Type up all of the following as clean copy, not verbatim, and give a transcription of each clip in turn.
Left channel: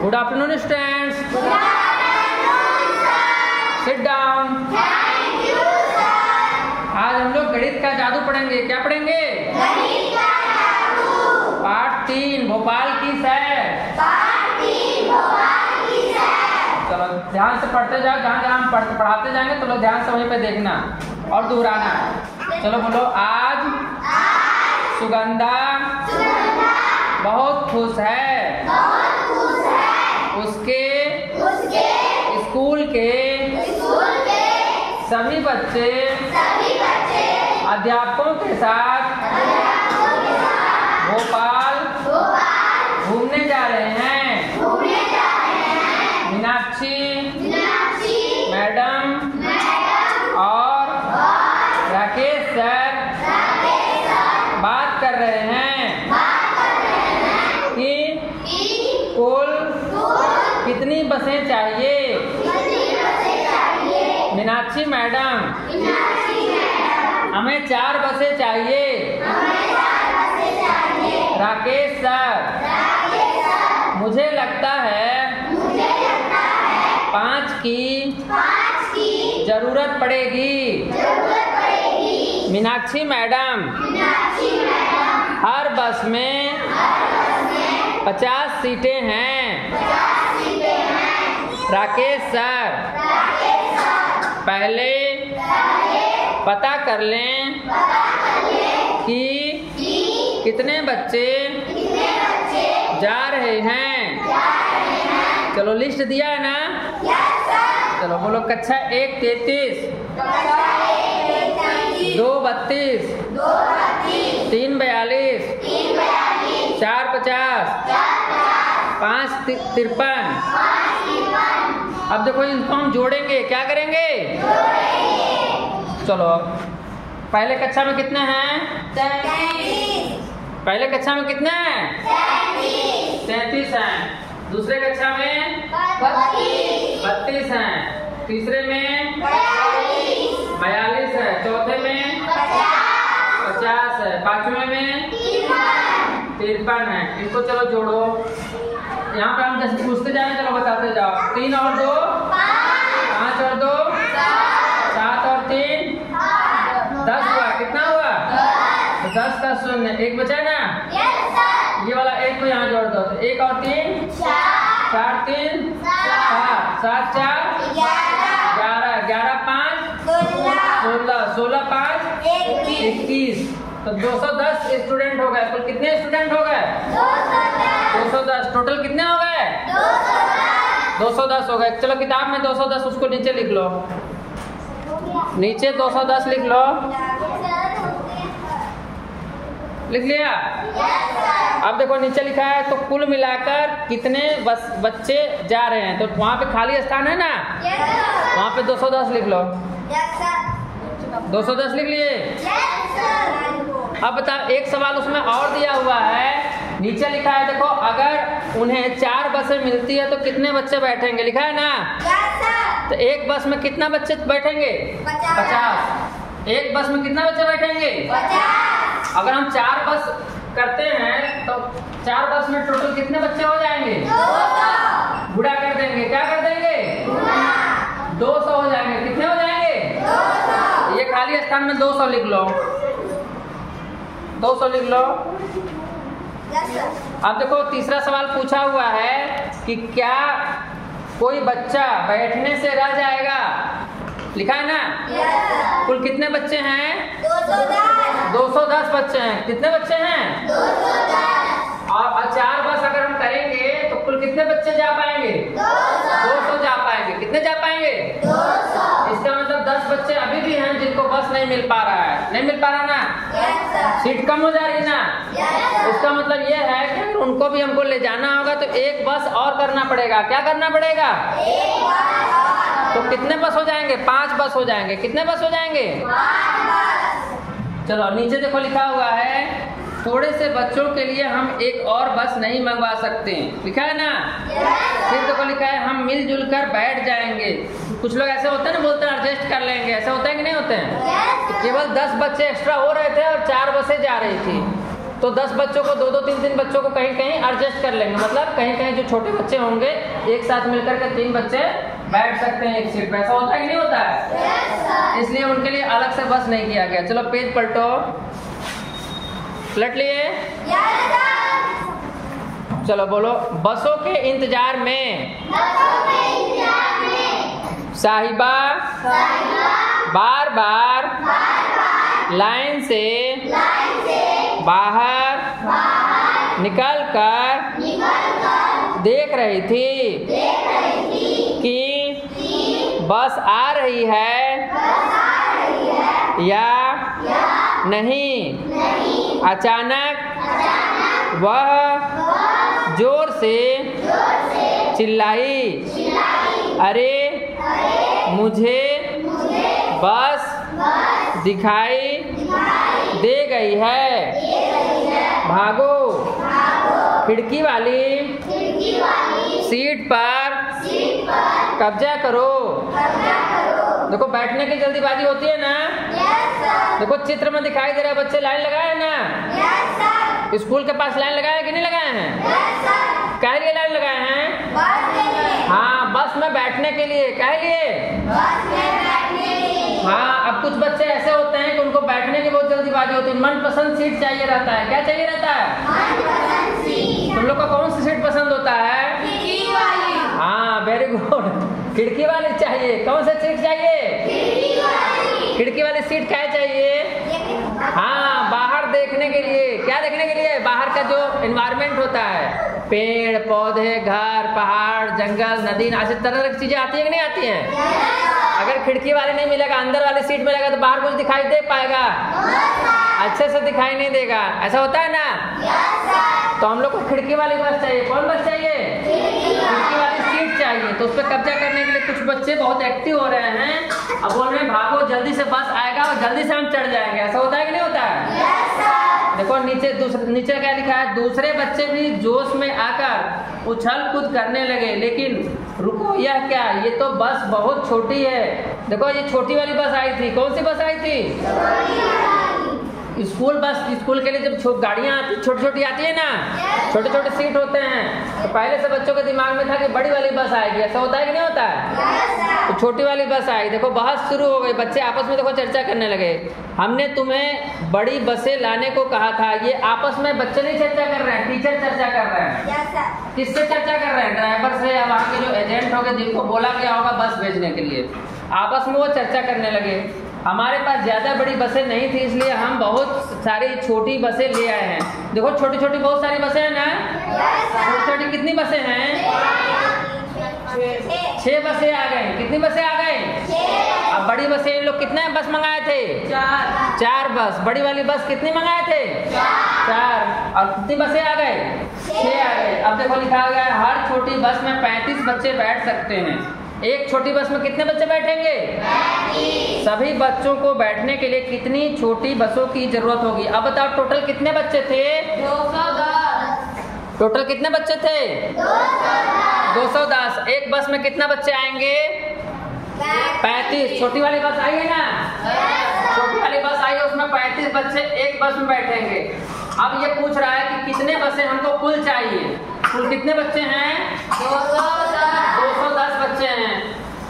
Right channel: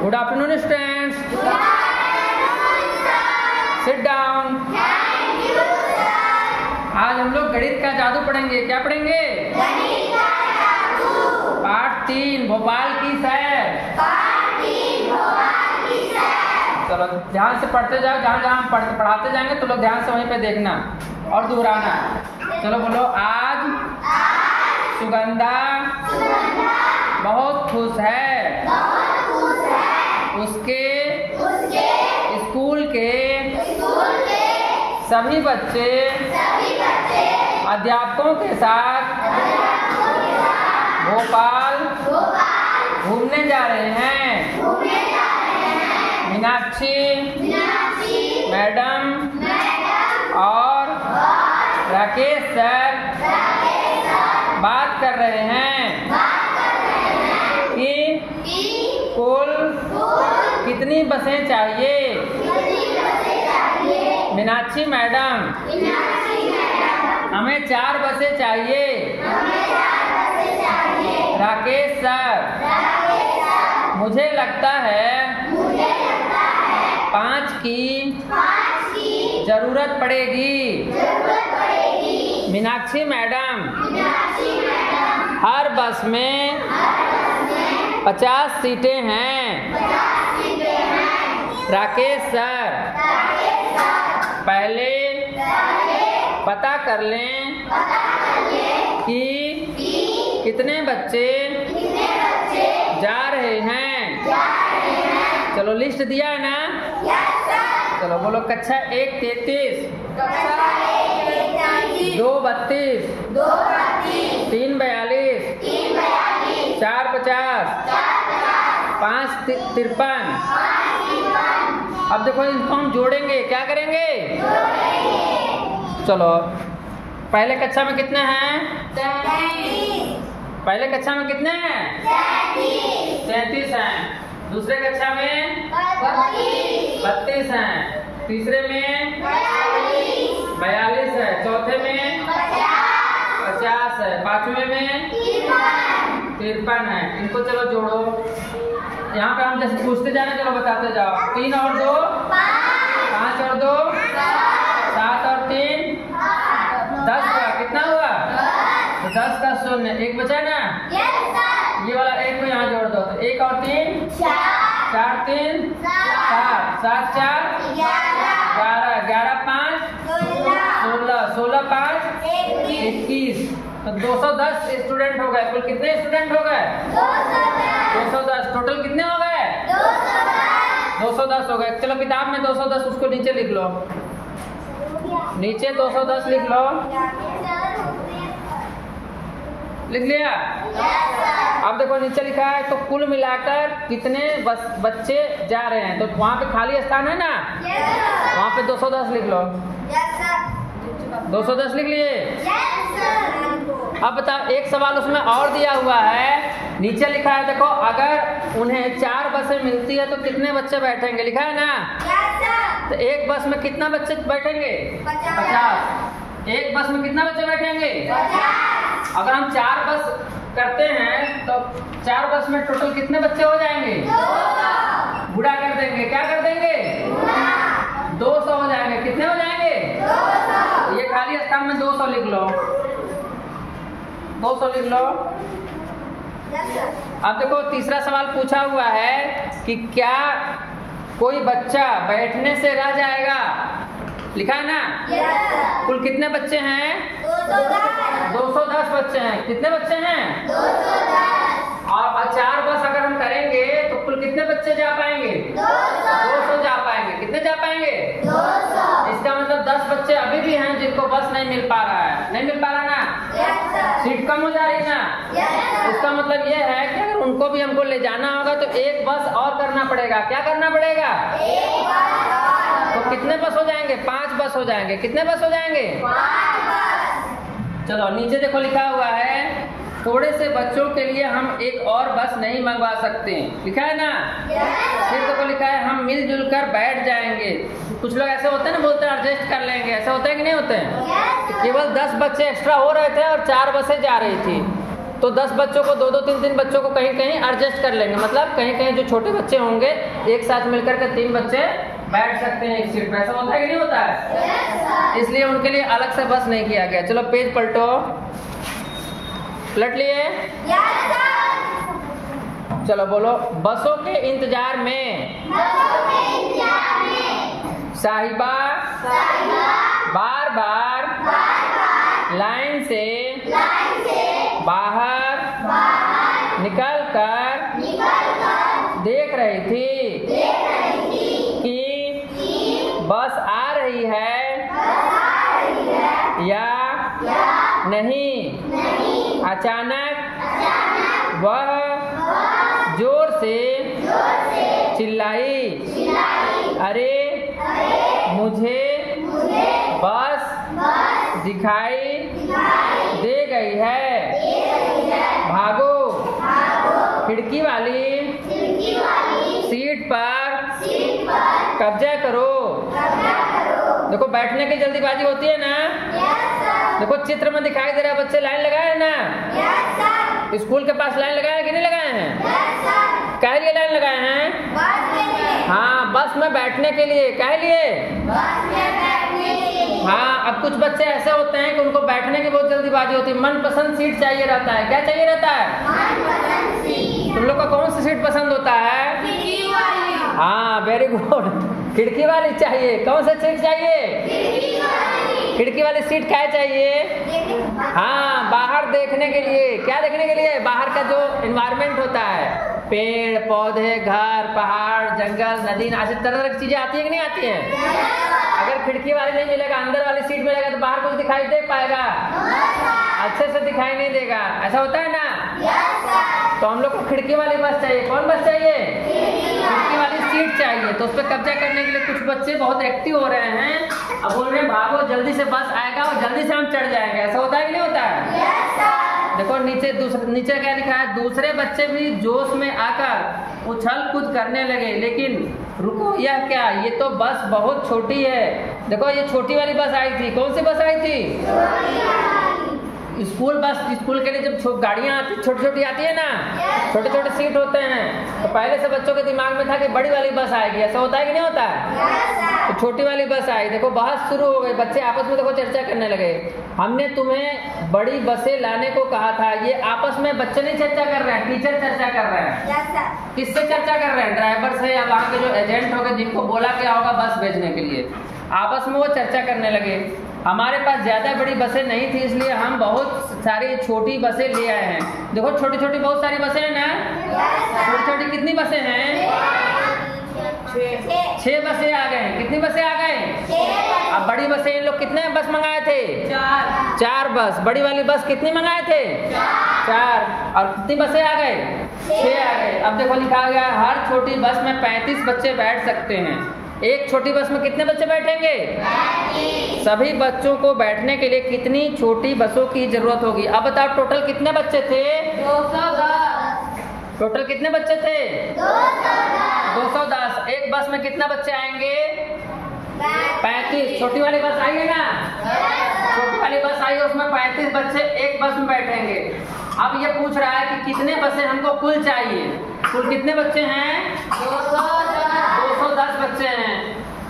Good afternoon, students. Sit down. आज हम लोग गणित का जादू पढ़ेंगे। क्या पढ़ेंगे? पाठ 3 भोपाल की सैर। चलो ध्यान से पढ़ते जाओ। जहाँ जहाँ हम पढ़ाते जाएंगे तो लोग ध्यान से वहीं पे देखना और दोहराना। चलो बोलो, आज सुगंधा बहुत खुश है। उसके स्कूल के सभी बच्चे अध्यापकों के साथ भोपाल घूमने जा रहे हैं। मीनाक्षी मैडम और राकेश सर बात कर रहे हैं कि कुल कितनी बसें चाहिए। मीनाक्षी मैडम, हमें 4 बसें चाहिए। राकेश सर, मुझे लगता है 5 की जरूरत पड़ेगी। मीनाक्षी मैडम, हर बस में 50 सीटें हैं। राकेश सर, पहले पता कर लें कि कितने बच्चे जा रहे हैं। चलो लिस्ट दिया है ना? चलो बोलो, कक्षा 1 33, 2 32, 3 42, 4 50, 5 53। अब देखो इनको हम जोड़ेंगे। क्या करेंगे? चलो, पहले कक्षा में कितने हैं? 33। पहले कक्षा में कितने हैं? 33 हैं। दूसरे कक्षा में 32 हैं। तीसरे में 42 है। चौथे में 50 है। पांचवे में 53 है। इनको चलो जोड़ो। यहाँ पे हम जैसे पूछते जा रहे हैं, चलो बताते जाओ। 3 और 2 5 और 2 7 और 3 10 हुआ। कितना हुआ? तो 10 का 0 1 बचा ना? ये वाला 1 को यहाँ जोड़ दो। तो 1 और 3 4 3 7 7 4 11 11 5 16 16 5 21। तो 210 स्टूडेंट हो गए। कुल कितने स्टूडेंट हो गए? 210। टोटल कितने हो गए? 210 हो गए। चलो किताब में 210 उसको नीचे लिख लो। नीचे 210 लिख लो। लिख लिया? अब देखो नीचे लिखा है तो कुल मिलाकर कितने बच्चे जा रहे हैं। तो वहाँ पे खाली स्थान है ना, वहाँ पे 210 लिख लो। 210 लिख लिए? अब बताओ, एक सवाल उसमें और दिया हुआ है। नीचे लिखा है देखो, अगर उन्हें 4 बसें मिलती है तो कितने बच्चे बैठेंगे। लिखा है ना? तो एक बस में कितना बच्चे बैठेंगे? 50। एक बस में कितना बच्चे बैठेंगे? 50। अगर हम 4 बस करते हैं तो 4 बस में टोटल कितने बच्चे हो जाएंगे? 200। गुणा कर देंगे। क्या कर देंगे? 200 हो जाएंगे। कितने हो जाएंगे? 200। ये खाली स्थान में 200 लिख लो। 200 लिख लो। अब देखो तीसरा सवाल पूछा हुआ है कि क्या कोई बच्चा बैठने से रह जाएगा। लिखा है ना? कुल कितने बच्चे हैं? 210 बच्चे हैं। कितने बच्चे हैं? 210। और 4 बस अगर हम करेंगे तो कुल कितने बच्चे जा पाएंगे? 200 जा पाएंगे। कितने जा पाएंगे? 200। इसका मतलब 10 बच्चे अभी भी हैं जिनको बस नहीं मिल पा रहा है। नहीं मिल पा रहा ना? सीट कम हो जा रही है ना? इसका मतलब यह है कि अगर उनको भी हमको ले जाना होगा तो 1 बस और करना पड़ेगा। क्या करना पड़ेगा? 1 बस और। तो कितने बस हो जाएंगे? 5 बस हो जाएंगे। कितने बस हो जाएंगे? 5 बस। चलो नीचे देखो लिखा हुआ है, थोड़े से बच्चों के लिए हम एक और बस नहीं मंगवा सकते। लिखा है ना? फिर देखो लिखा है, हम मिलजुल कर बैठ जाएंगे। कुछ लोग ऐसे होते हैं ना, बोलते हैं एडजस्ट कर लेंगे। ऐसे होता है कि नहीं होते हैं? केवल 10 बच्चे एक्स्ट्रा हो रहे थे और 4 बसें जा रही थी। तो 10 बच्चों को 2-2 3-3 बच्चों को कहीं कहीं एडजस्ट कर लेंगे, मतलब कहीं कहीं जो छोटे बच्चे होंगे एक साथ मिलकर के 3 बच्चे बैठ सकते हैं एक सीट पे। ऐसा होता है कि नहीं होता है? इसलिए उनके लिए अलग से बस नहीं किया गया। चलो पेज पलटो, पलट लिए? चलो बोलो, बसों के इंतजार में साहिबा बार बार लाइन से बाहर निकल कर देख रही थी कि बस आ रही है या नहीं। अचानक वह जोर से चिल्लाई, अरे मुझे बस दिखाई दे गई है, भागो खिड़की वाली सीट पर कब्जा करो। देखो बैठने की जल्दीबाजी होती है ना। देखो चित्र में दिखाई दे रहा है, बच्चे लाइन लगाए हैं ना। स्कूल के पास लाइन लगाए कि नहीं लगाए हैं? काहे लिए लाइन लगाए हैं? हाँ, बस में बैठने के लिए। काहे लिए? हाँ, अब कुछ बच्चे ऐसे होते हैं कि उनको बैठने की बहुत जल्दीबाजी होती है, मनपसंद सीट चाहिए रहता है। क्या चाहिए रहता है? तुम लोग को कौन सी सीट पसंद होता है? हाँ, वेरी गुड, खिड़की वाली चाहिए। कौन सा सीट चाहिए? खिड़की वाली सीट क्या चाहिए? हाँ, बाहर देखने के लिए। क्या देखने के लिए? बाहर का जो एनवायरनमेंट होता है, पेड़ पौधे, घर, पहाड़, जंगल, नदी, ऐसी तरह की चीजें आती है कि नहीं आती हैं? अगर खिड़की वाली नहीं मिलेगा, अंदर वाली सीट मिलेगा तो बाहर कुछ दिखाई दे पाएगा? अच्छे से दिखाई नहीं देगा। ऐसा होता है ना? तो हम लोग को खिड़की वाली बस चाहिए। कौन बस चाहिए? खिड़की वाली सीट चाहिए। तो उस पर कब्जा करने के लिए कुछ बच्चे बहुत एक्टिव हो रहे हैं। अब बोल रहे हैं भागो जल्दी से बस आएगा और जल्दी से हम चढ़ जाएंगे। ऐसा होता है कि नहीं होता है? देखो नीचे क्या लिखा है? दूसरे बच्चे भी जोश में आकर उछल कूद करने लगे, लेकिन रुको, यह क्या? ये तो बस बहुत छोटी है। देखो ये छोटी वाली बस आई थी। कौन सी बस आई थी? School bus. स्कूल के लिए जब गाड़ियाँ आती छोटी छोटी आती है ना, छोटे छोटे सीट होते हैं, तो पहले से बच्चों के दिमाग में था कि बड़ी वाली बस आएगी। ऐसा होता है कि नहीं होता है? तो छोटी वाली बस आई। देखो बहस शुरू हो गई, बच्चे आपस में देखो चर्चा करने लगे। हमने तुम्हें बड़ी बसें लाने को कहा था। ये आपस में बच्चे नहीं चर्चा कर रहे हैं, टीचर चर्चा कर रहे हैं। किससे चर्चा कर रहे हैं? ड्राइवर से या वहाँ के जो एजेंट हो गए जिनको बोला गया होगा बस भेजने के लिए। आपस में वो चर्चा करने लगे। हमारे पास ज़्यादा बड़ी बसें नहीं थी, इसलिए हम बहुत सारी छोटी बसें ले आए हैं। देखो छोटी छोटी बहुत सारी बसें हैं ना। छोटी छोटी कितनी बसें हैं? 6 बसें आ गए। कितनी बसें आ गए? अब बड़ी बसें इन लोग कितने बस मंगाए थे? 4 बस। बड़ी वाली बस कितनी मंगाए थे? 4। और कितनी बसें आ गए? 6 आ गए। अब देखो लिखा गया है हर छोटी बस में 35 बच्चे बैठ सकते हैं। एक छोटी बस में कितने बच्चे बैठेंगे? 35। सभी बच्चों को बैठने के लिए कितनी छोटी बसों की जरूरत होगी? अब बताओ टोटल कितने बच्चे थे? 210। टोटल कितने बच्चे थे? 210। एक बस में कितना बच्चे आएंगे? 35। छोटी वाली बस आई है ना? छोटी वाली बस आई है, उसमें 35 बच्चे एक बस में बैठेंगे। अब ये पूछ रहा है कि कितने बसें हमको कुल चाहिए। कुल कितने बच्चे हैं? 210 बच्चे हैं।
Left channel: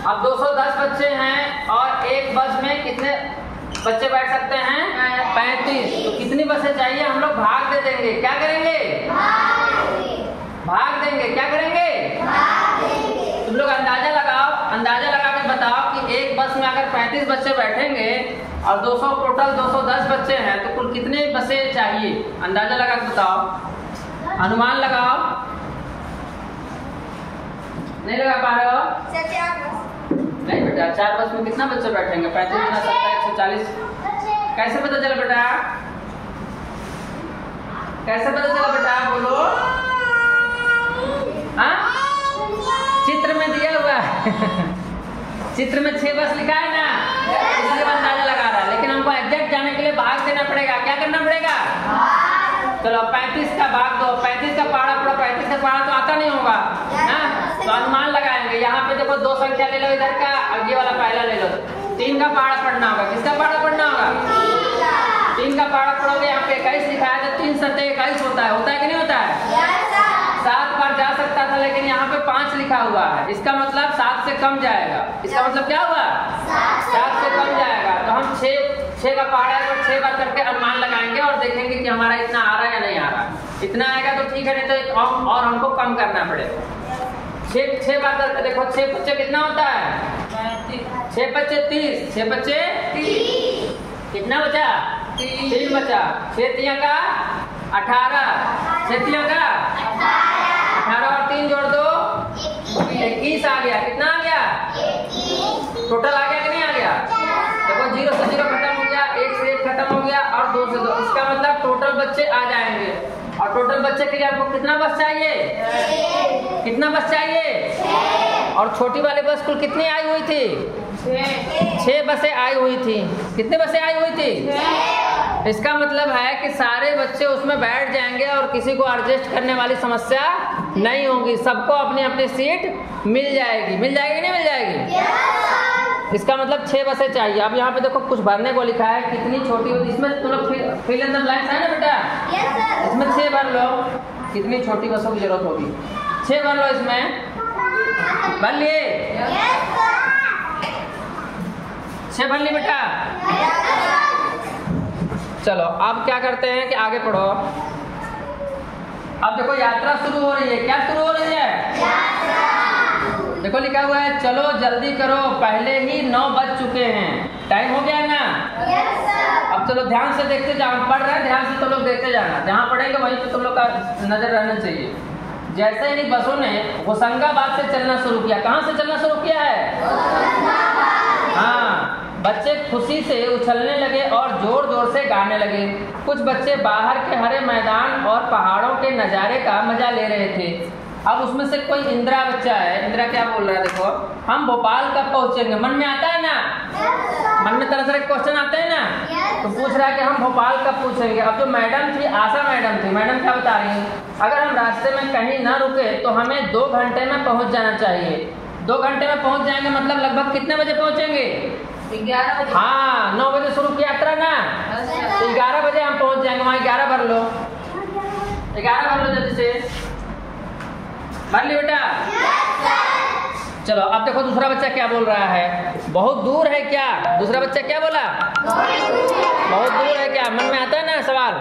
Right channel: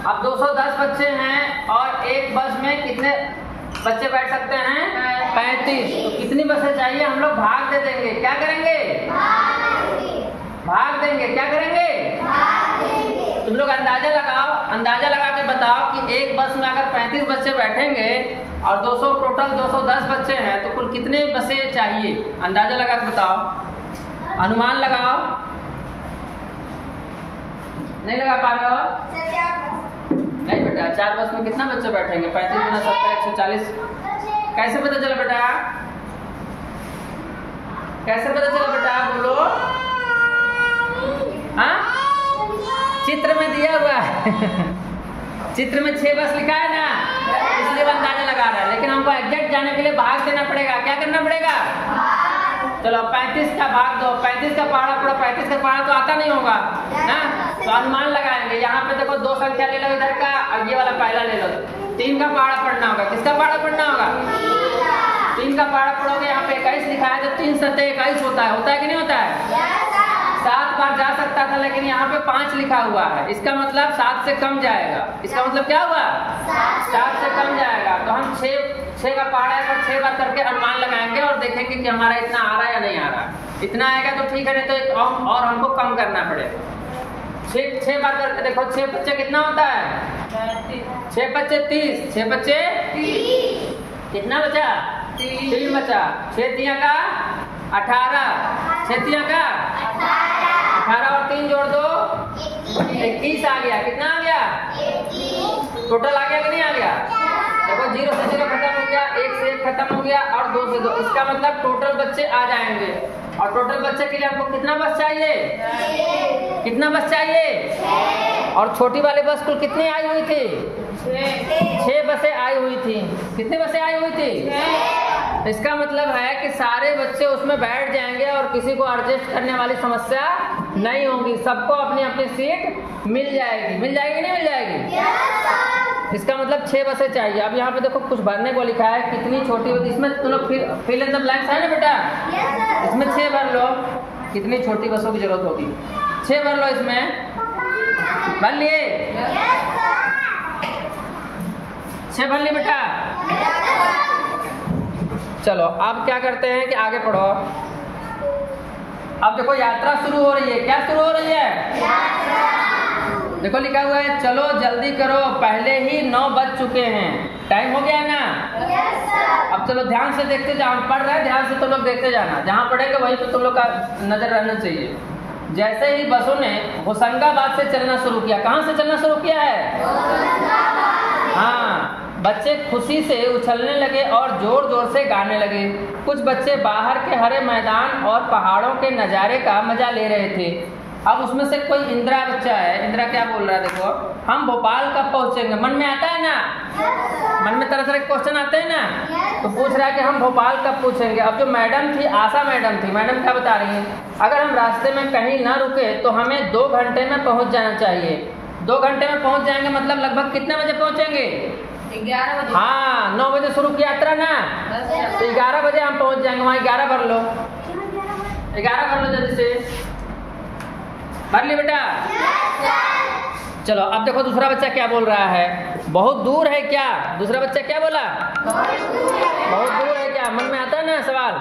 अब 210 बच्चे हैं और एक बस में कितने बच्चे बैठ सकते हैं? 35। तो कितनी बसें चाहिए? हम लोग भाग दे देंगे। क्या करेंगे? भाग देंगे। क्या करेंगे? तुम लोग अंदाजा लगाओ, अंदाजा लगा के बताओ कि एक बस में अगर 35 बच्चे बैठेंगे और 200 टोटल 210 बच्चे हैं तो कुल कितने बसें चाहिए? अंदाजा लगा के बताओ, अनुमान लगाओ। नहीं लगा पा रहे हो? नहीं बेटा, 4 बस में कितना बच्चे बैठेंगे? 35 गुना 70 140। कैसे पता चला बेटा? कैसे पता चला बेटा? बोलो। हाँ, चित्र में दिया हुआ है। चित्र में 6 बस लिखा है ना, इसलिए अंदाजा लगा रहा है। लेकिन हमको एग्जैक्ट जाने के लिए भाग देना पड़ेगा। क्या करना पड़ेगा? चलो 35 का भाग दो। 35 का पहाड़ा पूरा 35 का पहाड़ा तो आता नहीं होगा ना, तो अनुमान लगाएंगे। यहाँ पे देखो 2 संख्या ले लो इधर का, और ये वाला पहला ले लो। 3 का पहाड़ा पढ़ना होगा। किसका पहाड़ा पढ़ना होगा? 3 का पहाड़ा पढ़ोगे, यहाँ पे 21 लिखा है तो 3 सत्ते 21 होता है कि नहीं होता है? 7 बार जा सकता था, लेकिन यहाँ पे 5 लिखा हुआ है, इसका मतलब 7 से कम जाएगा। इसका मतलब क्या हुआ? 7 से कम जाएगा। तो हम 6 का पहाड़ा है और 6 बार करके अनुमान लगाएंगे और देखेंगे कि हमारा इतना आ रहा है या नहीं आ रहा। इतना आएगा तो ठीक है, नहीं तो और हमको कम करना पड़ेगा। 6 बार करके देखो, 6 बच्चे कितना होता है? 6 बच्चे 30, 6 बच्चे 30, कितना बचा? 3 बचा। 6 तिया का 18, 6 तिया का 18 और 3 जोड़ दो 21 आ गया। कितना आ गया? टोटल आ गया कि नहीं आ गया? देखो 0 से 0 खत्म हो गया, 1 से 1 खत्म हो गया और 2 से 2। इसका मतलब टोटल बच्चे आ जाएंगे। और टोटल बच्चे के लिए आपको कितना बस चाहिए? कितना बस चाहिए? और छोटी वाली बस को कितनी आई हुई थी? 6 बसें आई हुई थी। कितनी बसें आई हुई थी? इसका मतलब है कि सारे बच्चे उसमें बैठ जाएंगे और किसी को एडजस्ट करने वाली समस्या नहीं होगी, सबको अपनी अपनी सीट मिल जाएगी। मिल जाएगी नहीं मिल जाएगी? इसका मतलब 6 बसें चाहिए। अब यहाँ पे देखो कुछ भरने को लिखा है, कितनी छोटी, इसमें तुम लोग फिल इन द ब्लैंक्स है ना बेटा? इसमें 6 भर लो, कितनी छोटी बसों की जरूरत होगी। 6 भर लो, इसमें भर लिए? 6 भर लिए बेटा? चलो अब क्या करते हैं कि आगे पढ़ो। अब देखो यात्रा शुरू हो रही है। क्या शुरू हो रही है? देखो लिखा हुआ है, चलो जल्दी करो, पहले ही 9 बज चुके हैं। टाइम हो गया ना? अब चलो ध्यान से देखते जाओ, पढ़ रहे हैं ध्यान से तुम लोग देखते जाना, जहाँ पढ़ेंगे वहीं पे तुम लोग का नजर रहना चाहिए। जैसे ही बसों ने होशंगाबाद से चलना शुरू किया, कहाँ से चलना शुरू किया है? हाँ, बच्चे खुशी से उछलने लगे और जोर जोर से गाने लगे। कुछ बच्चे बाहर के हरे मैदान और पहाड़ों के नज़ारे का मजा ले रहे थे। अब उसमें से कोई इंदिरा बच्चा है, इंदिरा क्या बोल रहा है देखो, हम भोपाल कब पहुंचेंगे? मन में आता है ना? मन में तरह तरह के क्वेश्चन आते हैं ना? तो पूछ रहा है कि हम भोपाल कब पहुंचेंगे। अब जो मैडम थी, आशा मैडम थी, मैडम क्या बता रही हैं, अगर हम रास्ते में कहीं ना रुके तो हमें 2 घंटे में पहुंच जाना चाहिए। 2 घंटे में पहुंच जाएंगे मतलब लगभग कितने बजे पहुंचेंगे? 11 बजे। हाँ, 9 बजे शुरू की यात्रा ना, तो 11 बजे हम पहुंच जाएंगे। वहाँ 11 भर लो, 11 भर लो जल्दी से। भर ली बेटा? चलो अब देखो दूसरा बच्चा क्या बोल रहा है। बहुत दूर है क्या? दूसरा बच्चा क्या बोला? बहुत दूर है क्या? मन में आता है ना सवाल?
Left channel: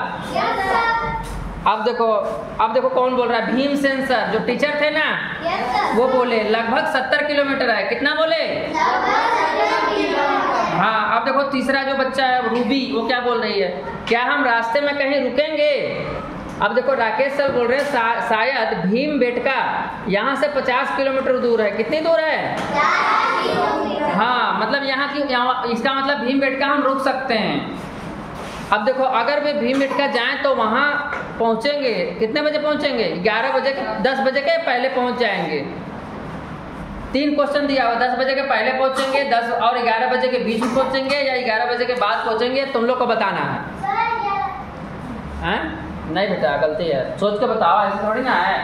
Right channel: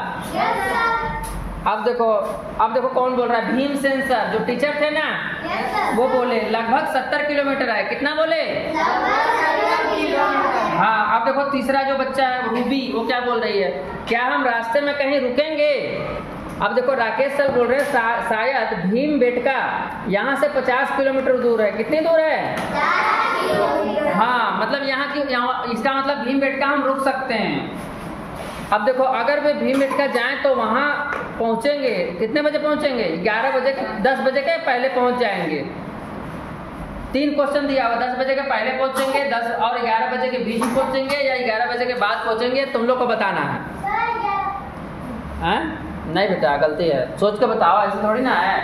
अब देखो कौन बोल रहा है? भीमसेन सर जो टीचर थे ना, वो बोले लगभग 70 किलोमीटर है। कितना बोले? हाँ, अब देखो तीसरा जो बच्चा है रूबी, वो क्या बोल रही है, क्या हम रास्ते में कहीं रुकेंगे? अब देखो राकेश सर बोल रहे हैं शायद भीमबेटका यहाँ से 50 किलोमीटर दूर है। कितनी दूर है? हाँ, मतलब यहाँ इसका मतलब भीमबेटका हम रुक सकते हैं। अब देखो अगर वे भीमबेटका जाएं तो वहाँ पहुँचेंगे कितने बजे पहुँचेंगे? 11 बजे, 10 बजे के पहले पहुँच जाएंगे। 3 क्वेश्चन दिया हुआ, 10 बजे के पहले पहुँचेंगे, 10 और 11 बजे के बीच में पहुँचेंगे या 11 बजे के बाद पहुँचेंगे, तुम लोग को बताना है। नहीं बेटा गलती है, सोच के बताओ, ऐसे थोड़ी ना है।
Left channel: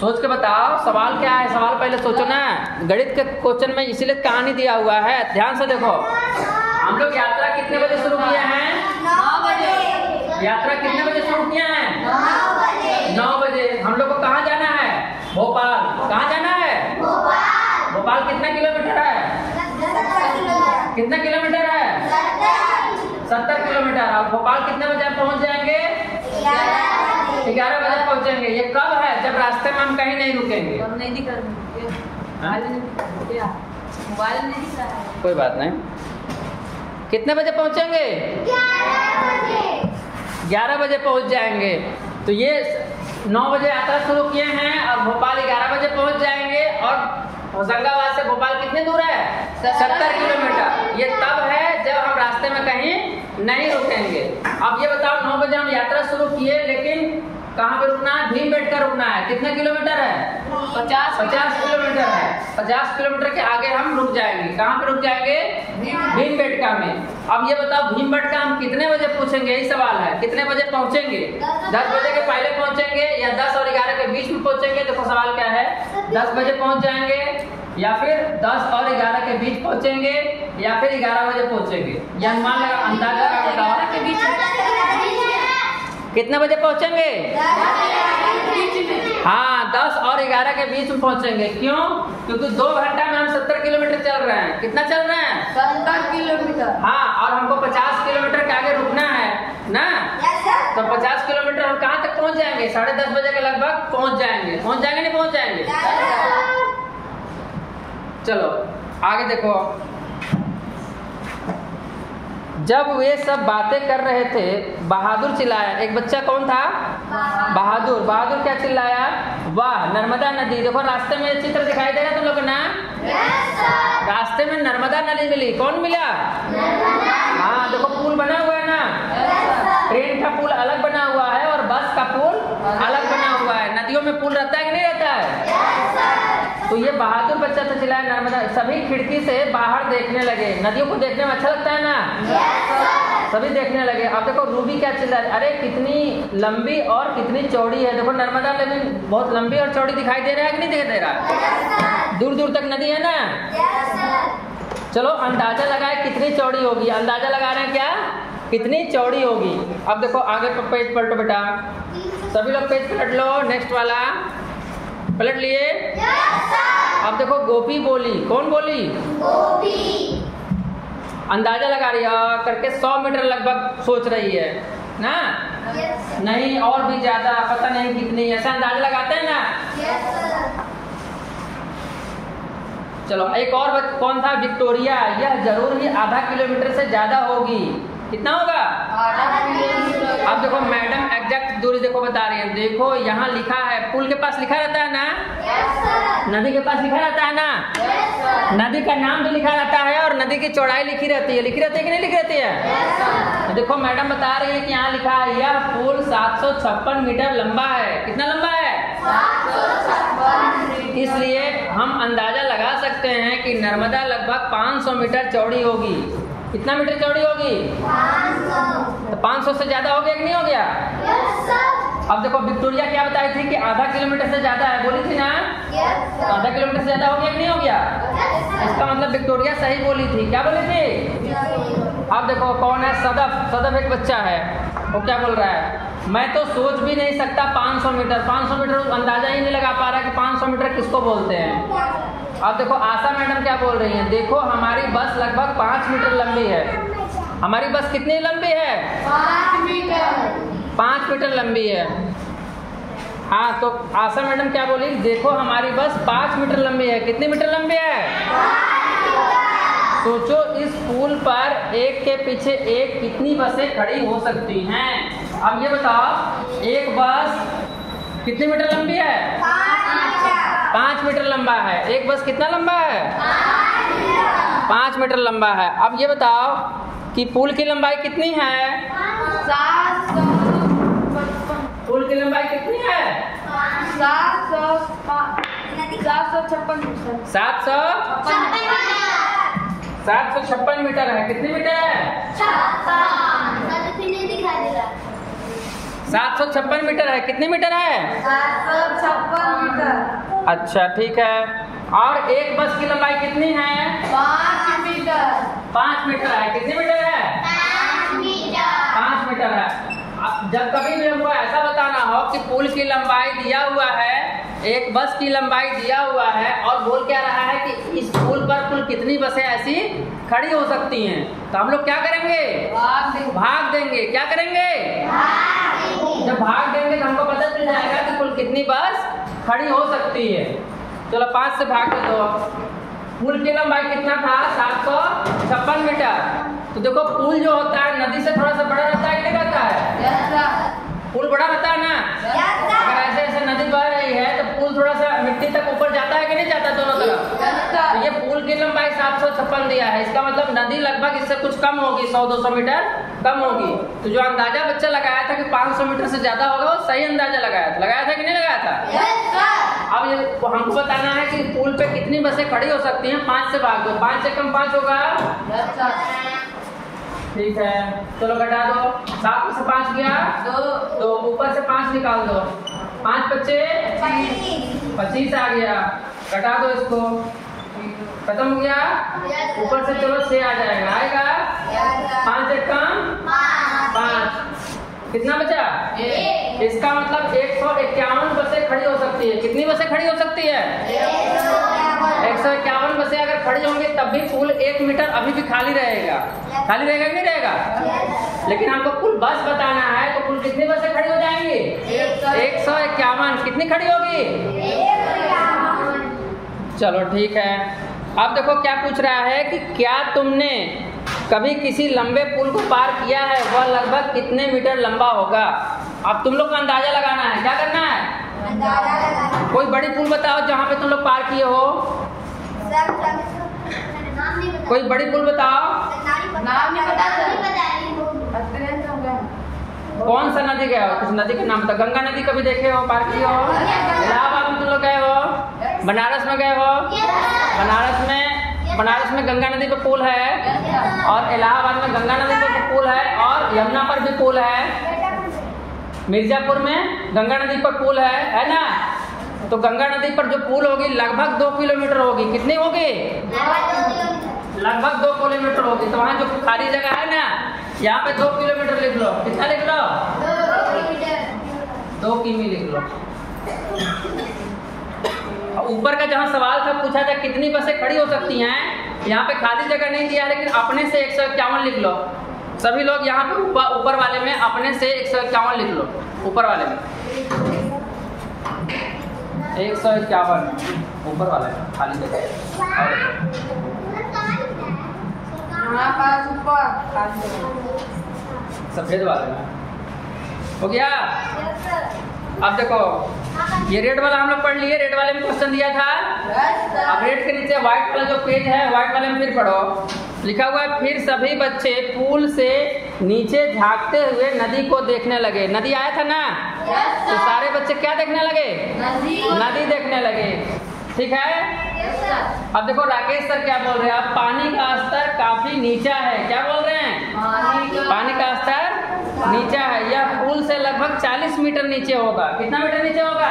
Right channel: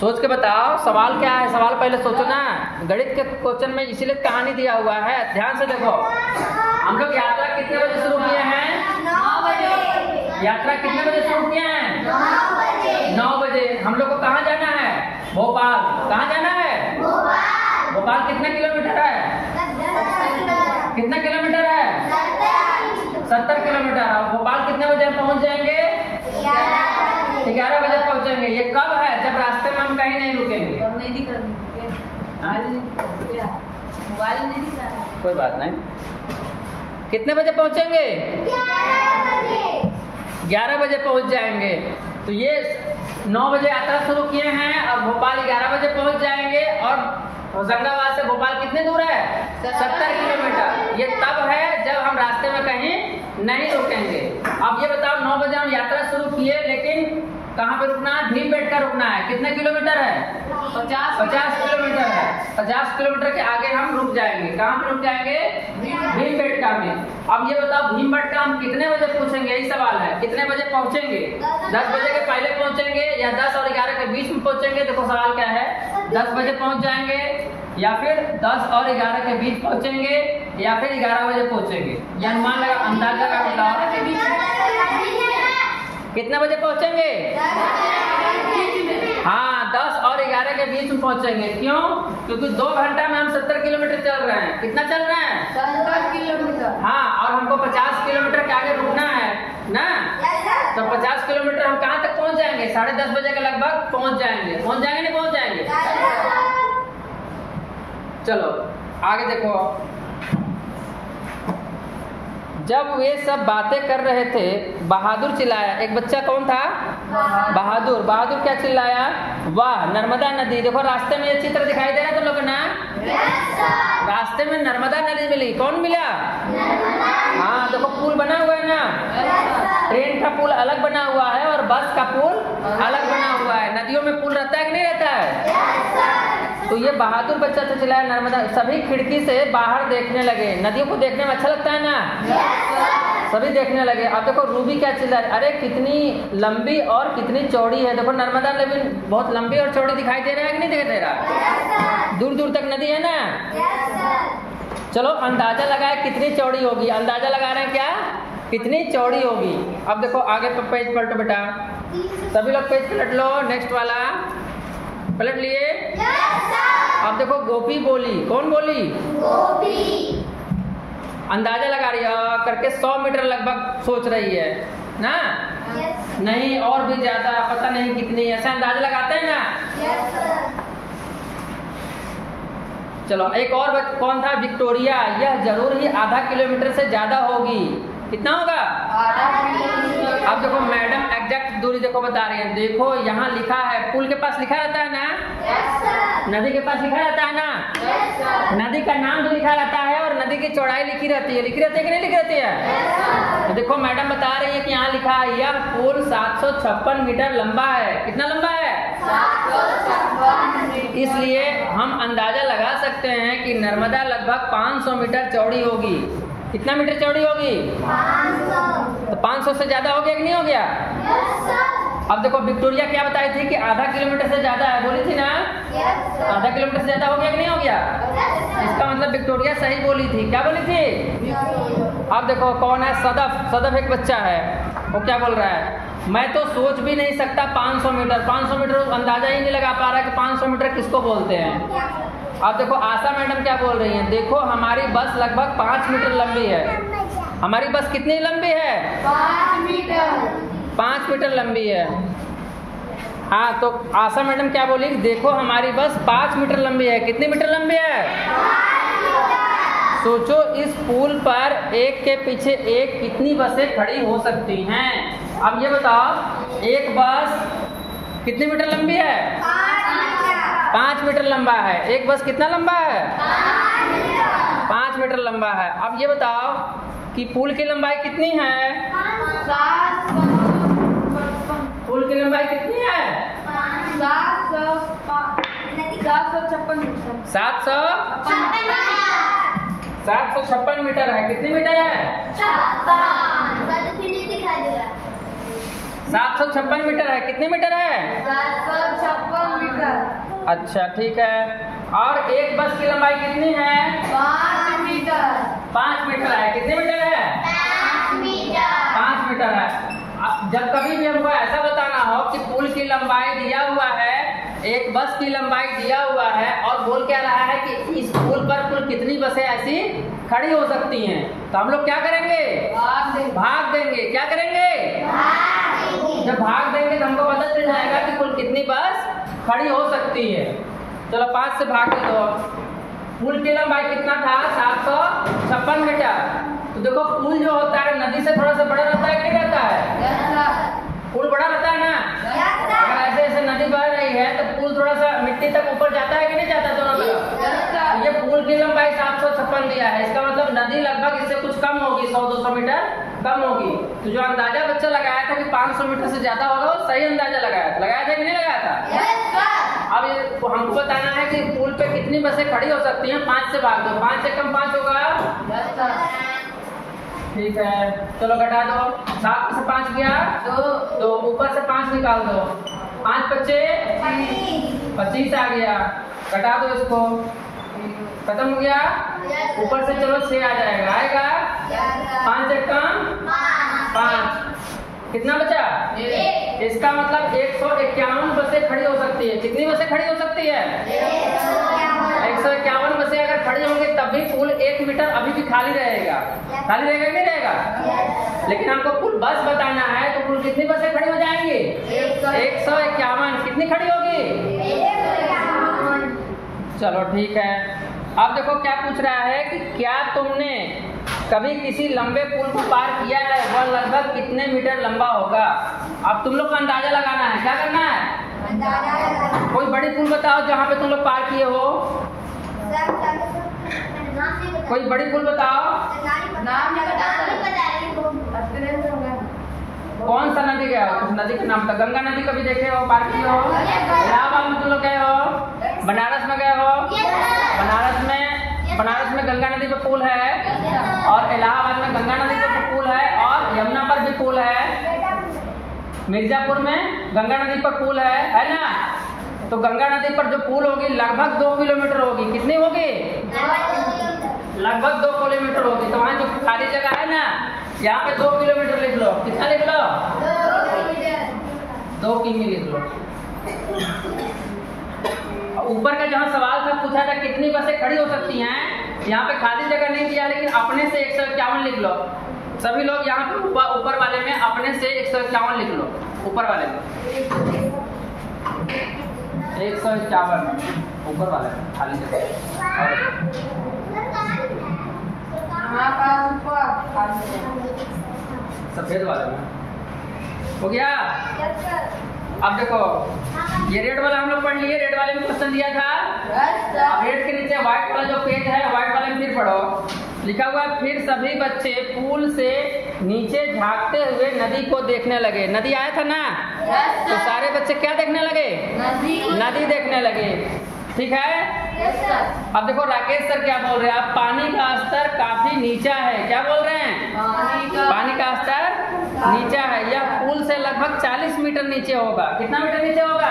सोच के बताओ सवाल क्या है, सवाल पहले सोचो ना। गणित के क्वेश्चन में इसीलिए कहानी दिया हुआ है, ध्यान से देखो। हम लोग यात्रा कितने बजे शुरू किए हैं? 9 बजे। यात्रा कितने बजे शुरू किए हैं? 9 बजे। 9 बजे। हम लोग को कहाँ जाना है? भोपाल। कहाँ जाना है? भोपाल कितना किलोमीटर है? कितना किलोमीटर है? 70 किलोमीटर। और भोपाल कितने बजे पहुंच जाएंगे? 11 बजे पहुंचेंगे। ये कब है? जब रास्ते में हम कहीं नहीं रुकेंगे। कोई बात नहीं। कितने बजे पहुंचेंगे? 11 बजे पहुंच जाएंगे। तो ये 9 बजे यात्रा शुरू किए हैं और भोपाल 11 बजे पहुंच जाएंगे। और होशंगाबाद से भोपाल कितने दूर है? 70 किलोमीटर। ये तब है जब हम रास्ते में कहीं नहीं रुकेंगे। अब ये बताओ 9 बजे हम यात्रा शुरू किए, लेकिन कहाँ पे रुकना है? भीमबेटका रुकना है। कितने किलोमीटर है? 50 किलोमीटर है। 50 किलोमीटर के आगे हम रुक जाएंगे। कहाँ पे रुक जाएंगे? भीमबेटका में। अब ये बताओ भीमबेटका हम कितने बजे पहुंचेंगे? यही सवाल है। कितने बजे पहुंचेंगे? 10 बजे के पहले पहुंचेंगे या 10 और 11 के बीच में पहुंचेंगे? देखो सवाल क्या है, 10 बजे पहुंच जाएंगे या फिर 10 और 11 के बीच पहुंचेंगे या फिर 11 बजे पहुंचेंगे? ये अनुमान लगा, अंदाज लगा बताओ कितने बजे पहुंचेंगे? हाँ, 10 और 11 के बीच में पहुंचेंगे। क्यों? क्योंकि 2 घंटा में हम 70 किलोमीटर चल रहे हैं। कितना चल रहे हैं? 70 किलोमीटर। हाँ, और हमको 50 किलोमीटर के आगे रुकना है ना। तो 50 किलोमीटर हम कहाँ तक पहुंच जाएंगे? 10:30 बजे के लगभग पहुंच जाएंगे। पहुंच जाएंगे नहीं पहुंच जाएंगे? चलो आगे देखो। जब वे सब बातें कर रहे थे, बहादुर चिल्लाया। एक बच्चा कौन था? बहादुर। बहादुर क्या चिल्लाया? वाह, नर्मदा नदी। देखो रास्ते में ये चित्र दिखाई दे रहा है तुम लोग ना? रास्ते में नर्मदा नदी मिली। कौन मिला? हाँ, देखो पुल बना हुआ है ना। ट्रेन का पुल अलग बना हुआ है और बस का पुल अलग बना हुआ है। नदियों में पुल रहता है कि नहीं रहता है? तो ये बहादुर बच्चा था, चिल्लाया नर्मदा। सभी खिड़की से बाहर देखने लगे। नदियों को देखने में अच्छा लगता है ना? सभी देखने लगे। अब देखो रूबी क्या चिल्ला रही, अरे कितनी लंबी और कितनी चौड़ी है। देखो नर्मदा नदी बहुत लंबी और चौड़ी दिखाई दे रहा है कि नहीं दिखाई दे रहा? दूर दूर तक नदी है ना। चलो अंदाजा लगाए कितनी चौड़ी होगी। अंदाजा लगा रहे हैं क्या? कितनी चौड़ी होगी। अब देखो आगे पेज पलटो बेटा, सभी लोग पेज पलट लो। नेक्स्ट वाला पलट लिए। अब देखो गोपी बोली। कौन बोली? गोपी। अंदाजा लगा रही है करके 100 मीटर लगभग सोच रही है ना। नहीं और भी ज्यादा, पता नहीं कितनी, ऐसा अंदाजा लगाते हैं ना। चलो एक और कौन था? विक्टोरिया। यह जरूर ही आधा किलोमीटर से ज्यादा होगी। कितना होगा? अब देखो मैडम एग्जैक्ट दूरी देखो बता रही है। देखो यहाँ लिखा है, पुल के पास लिखा रहता है ना, नदी के पास लिखा रहता है ना, नदी का नाम भी लिखा रहता है और नदी की चौड़ाई लिखी रहती है। लिखी रहती है कि नहीं लिखी रहती है? तो देखो मैडम बता रही है कि यहाँ लिखा है यह पुल 756 मीटर लंबा है। कितना लंबा है? 756। इसलिए हम अंदाजा लगा सकते हैं कि नर्मदा लगभग 500 मीटर चौड़ी होगी। कितना मीटर चौड़ी होगी? 500। तो 500 से ज्यादा हो गया कि नहीं हो गया? अब देखो विक्टोरिया क्या बताई थी कि आधा किलोमीटर से ज्यादा है, बोली थी ना। आधा किलोमीटर से ज्यादा हो गया कि नहीं हो गया? इसका मतलब विक्टोरिया सही बोली थी। क्या बोली थी? अब देखो कौन है? सदफ। सदफ एक बच्चा है, वो क्या बोल रहा है? मैं तो सोच भी नहीं सकता 500 मीटर। 500 मीटर अंदाजा ही नहीं लगा पा रहा कि 500 मीटर किसको बोलते हैं। अब देखो आशा मैडम क्या बोल रही हैं? देखो हमारी बस लगभग 5 मीटर लंबी है। हमारी बस कितनी लंबी है? 5 मीटर। 5 मीटर लंबी है। हाँ, तो आशा मैडम क्या बोली? देखो हमारी बस 5 मीटर लंबी है। कितनी मीटर लंबी है? 5 मीटर। सोचो इस पुल पर एक के पीछे एक कितनी बसें खड़ी हो सकती हैं। अब ये बताओ एक बस कितनी मीटर लंबी है? 5 मीटर लंबा है। एक बस कितना लंबा है? 5 मीटर लंबा है। अब ये बताओ कि पुल की लंबाई कितनी है? 755। पुल की लंबाई कितनी है? 756 मीटर है। कितनी मीटर है? 756 मीटर है। कितनी मीटर है? 756 मीटर। अच्छा ठीक है। और एक बस की लंबाई कितनी है? 5 मीटर। 5 मीटर है। कितनी मीटर है? 5 मीटर है। अब जब कभी भी हमको ऐसा बताना हो कि पुल की लंबाई दिया हुआ है, एक बस की लंबाई दिया हुआ है और बोल क्या रहा है कि इस पुल पर कुल कितनी बसें ऐसी खड़ी हो सकती हैं, तो हम लोग क्या करेंगे? भाग देंगे। क्या करेंगे? जब भाग देंगे तो हमको पता चल जाएगा कि कुल कितनी बस खड़ी हो सकती है। चलो 5 से भाग दे दो। पुल की लंबाई कितना था? 756 मीटर। तो देखो पुल जो होता है नदी से थोड़ा सा बड़ा रहता है, क्या रहता है? पुल बड़ा रहता है ना। अगर ऐसे ऐसे नदी बह रही है तो पुल थोड़ा सा मिट्टी तक ऊपर जाता है कि नहीं जाता दोनों तरफ? ये पुल की लंबाई 756 दिया है। इसका मतलब नदी लगभग इससे कुछ कम होगी, 100-200 मीटर कम होगी। तो जो अंदाजा बच्चा लगाया था कि 500 मीटर से ज्यादा होगा, वो सही अंदाजा लगाया था कि नहीं लगाया था? अब हमको बताना है कि पुल पे कितनी बसें खड़ी हो सकती हैं। 5 से भाग दो। 5 से कम 5 होगा। ठीक है, चलो घटा दो। 7 में से 5 गया 2, तो ऊपर से 5 निकाल दो। 5 बच्चे 25 आ गया। घटा दो इसको। खत्म हो गया। ऊपर से चलो 6 आ जाएगा, आएगा 5 से कम 5, कितना बचा? इसका मतलब 151 बसें खड़ी हो सकती है। कितनी बसें खड़ी हो सकती है? 151 बसें अगर खड़ी होंगी तब भी पुल 1 मीटर अभी भी खाली रहेगा। खाली रहेगा कि नहीं रहेगा? लेकिन आपको कुल बस बताना है तो कुल कितनी बसें खड़ी हो जाएंगी? 151। कितनी खड़ी होगी? चलो ठीक है। अब देखो क्या पूछ रहा है कि क्या तुमने कभी किसी लंबे पुल को पार किया है? वह लगभग कितने मीटर लंबा होगा? अब तुम लोग को अंदाजा लगाना है। क्या करना है? कोई बड़ी पुल बताओ जहाँ पे तुम लोग पार किए हो। कोई बड़ी पुल बताओ। नाम नहीं पता। कौन सा नदी गए हो? कुछ नदी का नाम था। गंगा नदी कभी देखे हो, पार किए हो? इलाहाबाद में तुम लोग गए हो? बनारस में गए हो? बनारस में गंगा नदी पे पुल है और इलाहाबाद में गंगा नदी पे पुल है और यमुना पर भी पुल है। मिर्जापुर में गंगा नदी पर पुल है ना? तो गंगा नदी पर जो पुल होगी लगभग 2 किलोमीटर होगी। कितनी होगी? लगभग 2 किलोमीटर होगी। तो वहाँ जो खाली जगह है ना, यहाँ पे 2 किलोमीटर लिख लो। कितना लिख लो? 2 किमी लिख लो। ऊपर का जहाँ सवाल था पूछा था कितनी बसें खड़ी हो सकती हैं, यहाँ पे खाली जगह नहीं दिया, लेकिन अपने से 151 लिख लो। सभी लोग यहाँ पे ऊपर वाले में अपने से 151 लिख लो। ऊपर वाले में 151 ऊपर वाले में खाली जगह सफेद वाले में हो गया। अब देखो ये रेड वाला हम लोग पढ़ लिए। रेड वाले में क्वेश्चन दिया था। अब रेड के नीचे व्हाइट वाला जो पेज है, व्हाइट वाले में फिर पढ़ो। लिखा हुआ है फिर सभी बच्चे पुल से नीचे झांकते हुए नदी को देखने लगे। नदी आया था ना? तो सारे बच्चे क्या देखने लगे? नदी देखने लगे। ठीक है। अब देखो राकेश सर क्या बोल रहे हैं? अब पानी का स्तर काफी नीचा है। क्या बोल रहे हैं? पानी का स्तर नीचा है। यह पुल से लगभग 40 मीटर नीचे होगा। कितना मीटर नीचे होगा?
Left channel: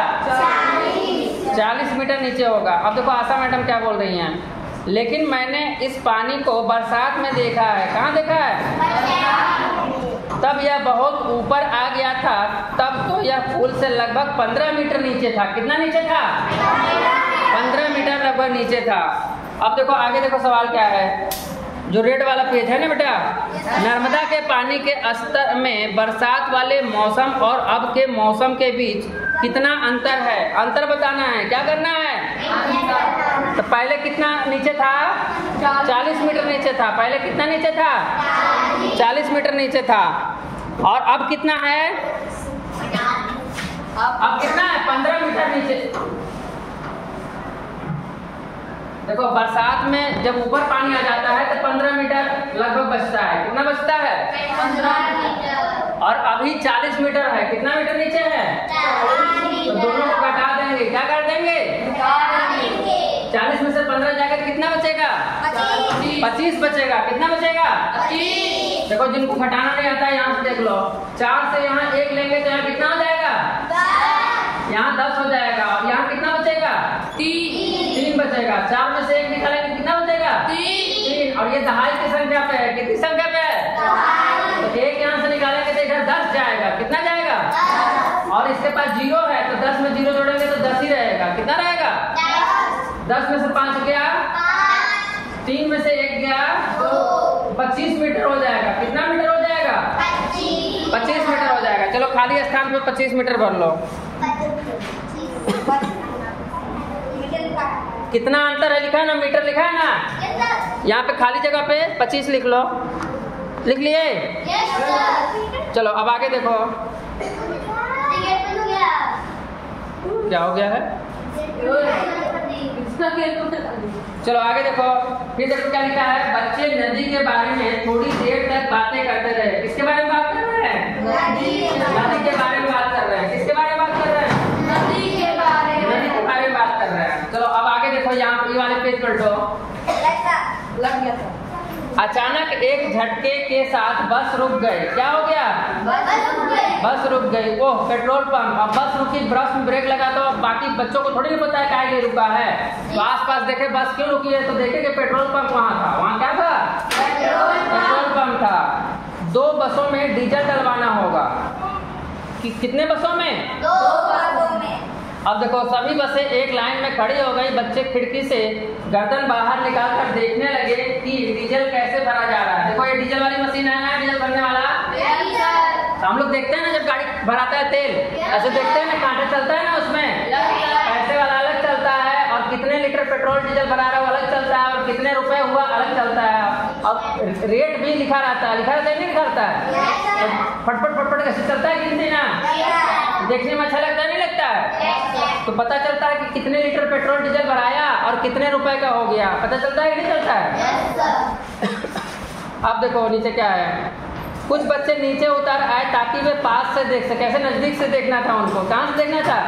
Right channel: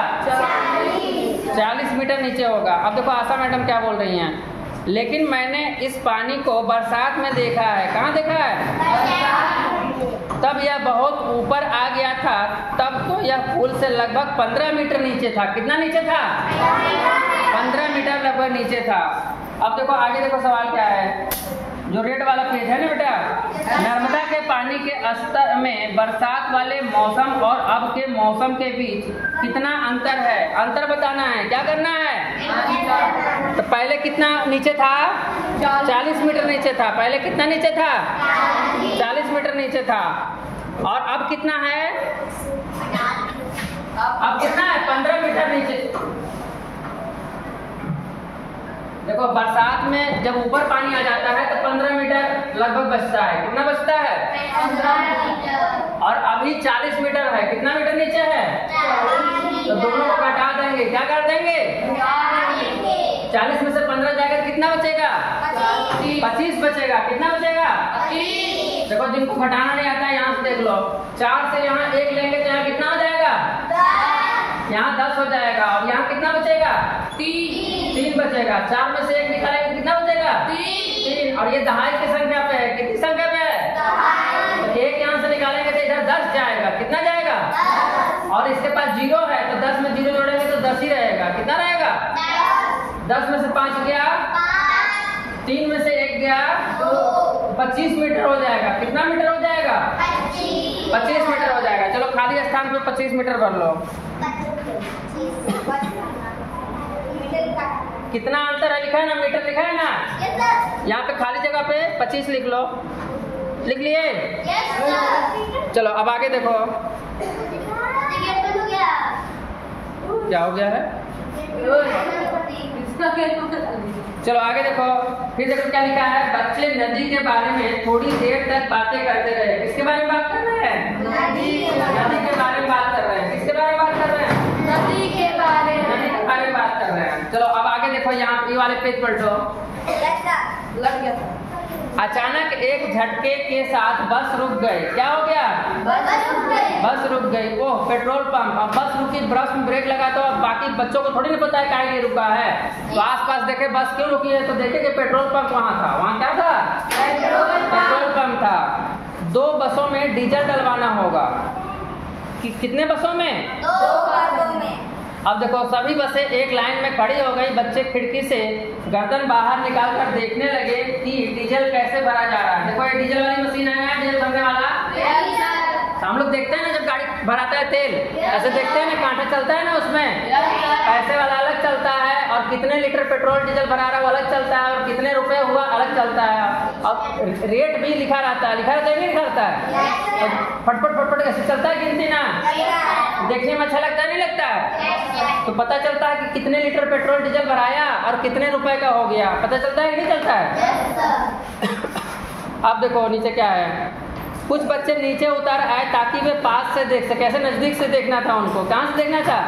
40 मीटर नीचे होगा। अब देखो आशा मैडम क्या बोल रही हैं? लेकिन मैंने इस पानी को बरसात में देखा है। कहाँ देखा है? तब यह बहुत ऊपर आ गया था। तब तो यह पुल से लगभग 15 मीटर नीचे था। कितना नीचे था? 15 मीटर लगभग नीचे था। अब देखो आगे देखो सवाल क्या है। जो रेड वाला पेज है ना बेटा, नर्मदा के पानी के स्तर में बरसात वाले मौसम और अब के मौसम के बीच कितना अंतर है? अंतर बताना है। क्या करना है? तो पहले कितना नीचे था? 40 मीटर नीचे था। पहले कितना नीचे था? 40 मीटर नीचे था। और अब कितना है? अब कितना है? 15 मीटर नीचे। देखो बरसात में जब ऊपर पानी आ जाता है तो 15 मीटर लगभग बचता है। कितना बचता है? 15 मीटर। और अभी 40 मीटर है। कितना मीटर नीचे है? 40। तो दोनों को घटा देंगे। क्या कर देंगे? 40 में से 15 जाकर कितना बचेगा? 25 बचेगा। कितना बचेगा? 25। देखो जिनको घटाना नहीं आता है यहाँ से देख लो। 4 से यहाँ 1 लेंगे तो यहाँ कितना हो जाएगा? 10। यहाँ 10 हो जाएगा। और यहाँ कितना बचेगा? 3 बचेगा। 4 में से 1 निकालेंगे कितना बचेगा? 3। और ये दहाई की संख्या पे है। कितनी संख्या पे है? तो 1 यहाँ से निकालेंगे तो इधर 10 जाएगा। कितना जाएगा? 10। और इसके पास 0 है तो 10 में 0 जोड़ेंगे तो 10 ही रहेगा। कितना रहेगा? 10 में से 5 गया, 3 में से 1 गया, 25 मीटर हो जाएगा। कितना मीटर हो जाएगा? 25 मीटर हो जाएगा। चलो खाली स्थान पे 25 मीटर भर लो। कितना अंतर है लिखा है ना? मीटर लिखा है ना? यहाँ पे खाली जगह पे 25 लिख लो। लिख लिए? चलो अब आगे देखो क्या हो गया है। चलो आगे देखो। फिर देखो क्या लिखा है। बच्चे नदी के बारे में थोड़ी देर तक बातें करते रहे। किसके बारे में बात कर रहे हैं? नदी के बारे में बात कर रहे हैं। किसके बारे में बात कर रहे हैं? नदी के बारे में बात कर रहे हैं। चलो अब आगे देखो। यहाँ ये वाले पेज पलटो। अचानक एक झटके के साथ बस रुक गई। क्या हो गया? बस रुक गई। ओह, पेट्रोल पंप। अब बस रुकी, बस में ब्रेक लगा तो अब बाकी बच्चों को थोड़ी नहीं पता है काहे लिए रुका है। तो आसपास देखे बस क्यों रुकी है, तो देखे कि पेट्रोल पंप वहाँ था। वहाँ क्या था? पेट्रोल पंप था। 2 बसों में डीजल डलवाना होगा। कितने बसों में? 2 बसों में। अब देखो सभी बसें एक लाइन में खड़ी हो गई। बच्चे खिड़की से गर्दन बाहर निकाल कर देखने लगे कि डीजल कैसे भरा जा रहा है। देखो ये डीजल वाली मशीन है ना, डीजल भरने वाला। तो हम लोग देखते हैं ना जब गाड़ी भराता है तेल, ऐसे देखते हैं ना, कांटा चलता है ना उसमें, पैसे वाला अलग चलता है और कितने लीटर पेट्रोल डीजल भरा रहा है वो अलग चलता है और कितने रुपए हुआ अलग चलता है। और रेट भी लिखा रहता है, नहीं लिखा रहता है। तो फटफट फटफट कैसे चलता है गिनती ना, देखने में अच्छा लगता है नहीं लगता है? तो पता चलता है कि कितने लीटर पेट्रोल डीजल भराया और कितने रुपए का हो गया, पता चलता है कि नहीं चलता है? अब देखो नीचे क्या है। कुछ बच्चे नीचे उतर आए ताकि वे पास से देख सके। ऐसे नजदीक से देखना था उनको। कहाँ से देखना था?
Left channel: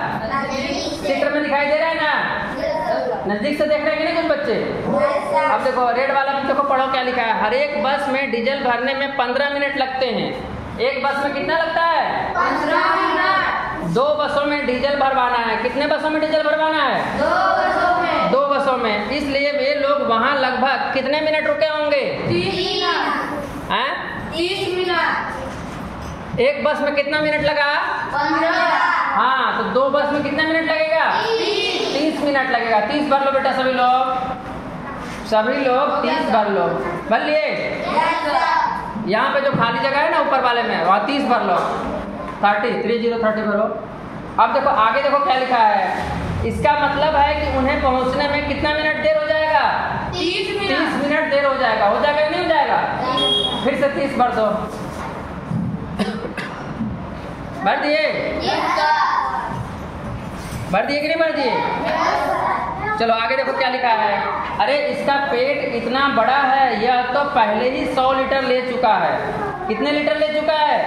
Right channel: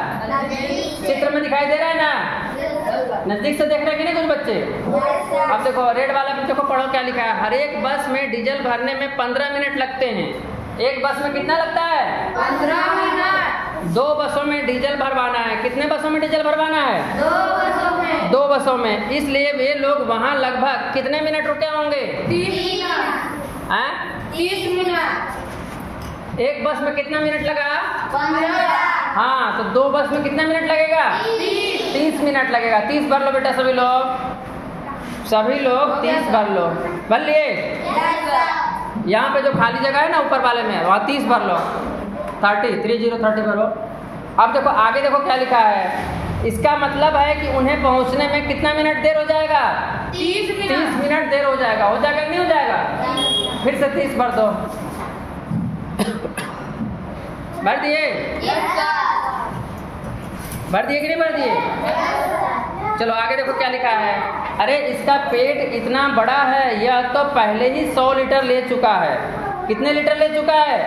चित्र में दिखाई दे रहा है ना, नजदीक से देख रहे हैं कि नहीं कुछ बच्चे? अब देखो रेड वाला बच्चों को पढ़ो क्या लिखा है। हर एक बस में डीजल भरने में 15 मिनट लगते हैं। एक बस में कितना लगता है? 15 मिनट। 2 बसों में डीजल भरवाना है। कितने बसों में डीजल भरवाना है? 2 बसों में। 2 बसों में। इसलिए वे लोग वहाँ लगभग कितने मिनट रुके होंगे? 30 मिनट। 30 मिनट। एक बस में कितना मिनट लगा? 15। हाँ, तो 2 बस में कितना मिनट लगेगा? 30 मिनट लगेगा। 30 भर लो बेटा सभी लोग, 30 भर लो। भर लिए? यहाँ पे जो खाली जगह है ना ऊपर वाले में, वहाँ 30 भर लो। 30 भरो। अब देखो आगे देखो क्या लिखा है। इसका मतलब है कि उन्हें पहुँचने में कितना मिनट देर हो जाएगा? 30 मिनट देर हो जाएगा। हो जाएगा नहीं हो जाएगा? फिर से 30 भर दो। भर दिए? भर दिए कि नहीं भर दिए? चलो आगे देखो क्या लिखा है। अरे इसका पेट इतना बड़ा है, यह तो पहले ही 100 लीटर ले चुका है। कितने लीटर ले चुका है?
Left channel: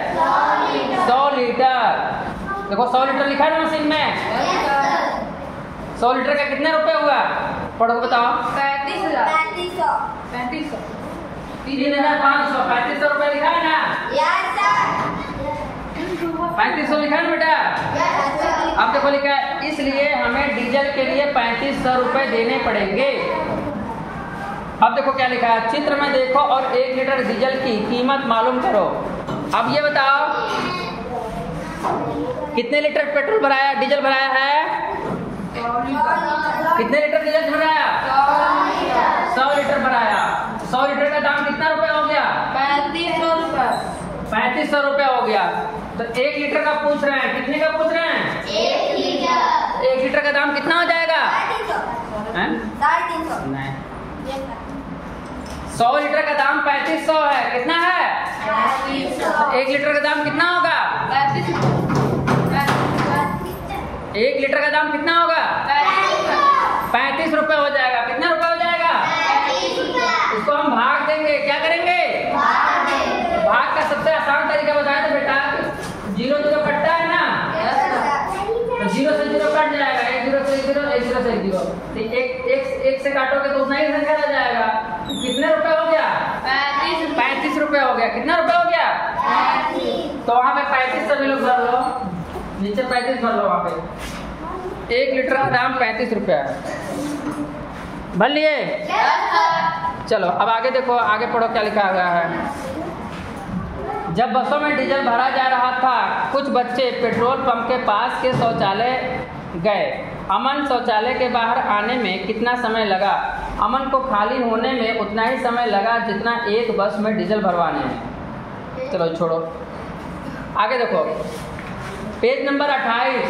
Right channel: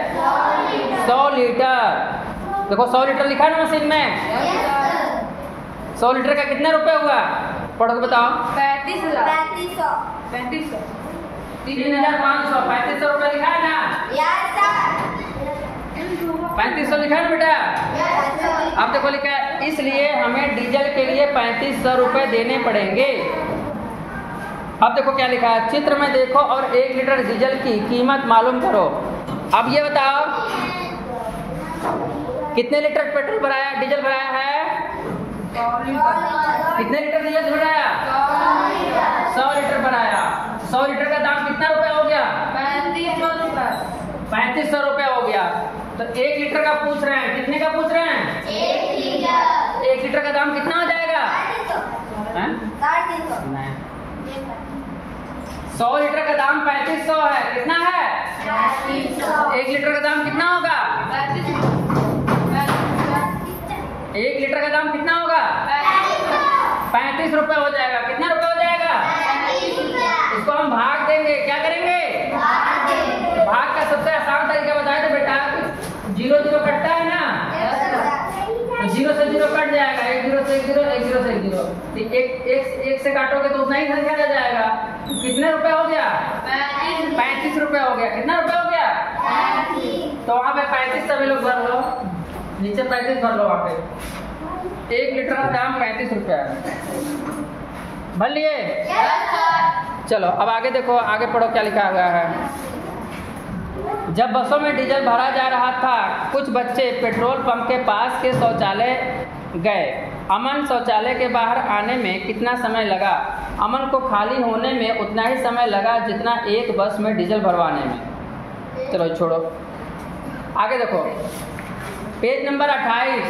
100 लीटर। देखो 100 लीटर लिखा है ना मशीन में। 100 लीटर का कितना रुपए हुआ? पढ़ो बताओ। 35,000। 3,500। 3500 रुपए लिखा है ना? 3500 लिखा है बेटा? अब देखो लिखा है इसलिए हमें डीजल के लिए 3500 रुपए देने पड़ेंगे। अब देखो क्या लिखा है। चित्र में देखो और 1 लीटर डीजल की कीमत मालूम करो। अब ये बताओ कितने लीटर पेट्रोल भराया, डीजल भराया है? कितने लीटर डीजल भराया? 100 लीटर भराया। 100 लीटर का दाम कितना रुपए हो गया? 3500 रुपए। 3500 रुपए हो गया। तो 1 लीटर का पूछ रहे हैं, कितने का पूछ रहे हैं? 1 लीटर का दाम कितना हो जाएगा? 350। नहीं, 100 लीटर का दाम 3500 है। कितना है? 1 लीटर का दाम कितना होगा? 1 लीटर का दाम कितना होगा? 35 रुपए हो जाएगा। कितना रुपए हो जाएगा? इसको हम भाग देंगे। क्या करेंगे? भाग का सबसे आसान तरीका बताया तो बेटा, 0 0 कटता है ना, तो 0 से 0 कट जाएगा। 1 0 से 1 0, 1 0 से 1 0। एक से काटोगे तो उतना ही संख्या रह जाएगा। कितने रुपए हो गया? 35 रुपए हो गया। कितना रुपए हो गया? तो वहाँ पे 35 सभी लोग भर लो, नीचे 35 भर लो। वहाँ पे 1 लीटर का दाम 35 रुपया है। भर लिए? चलो अब आगे देखो, आगे पढ़ो क्या लिखा हुआ है। जब बसों में डीजल भरा जा रहा था, कुछ बच्चे पेट्रोल पंप के पास के शौचालय गए। अमन शौचालय के बाहर आने में कितना समय लगा? अमन को खाली होने में उतना ही समय लगा जितना एक बस में डीजल भरवाने में। चलो छोड़ो, आगे देखो पेज नंबर 28।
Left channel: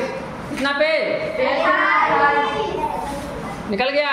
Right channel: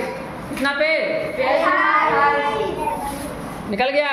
कितना पेज? निकल गया?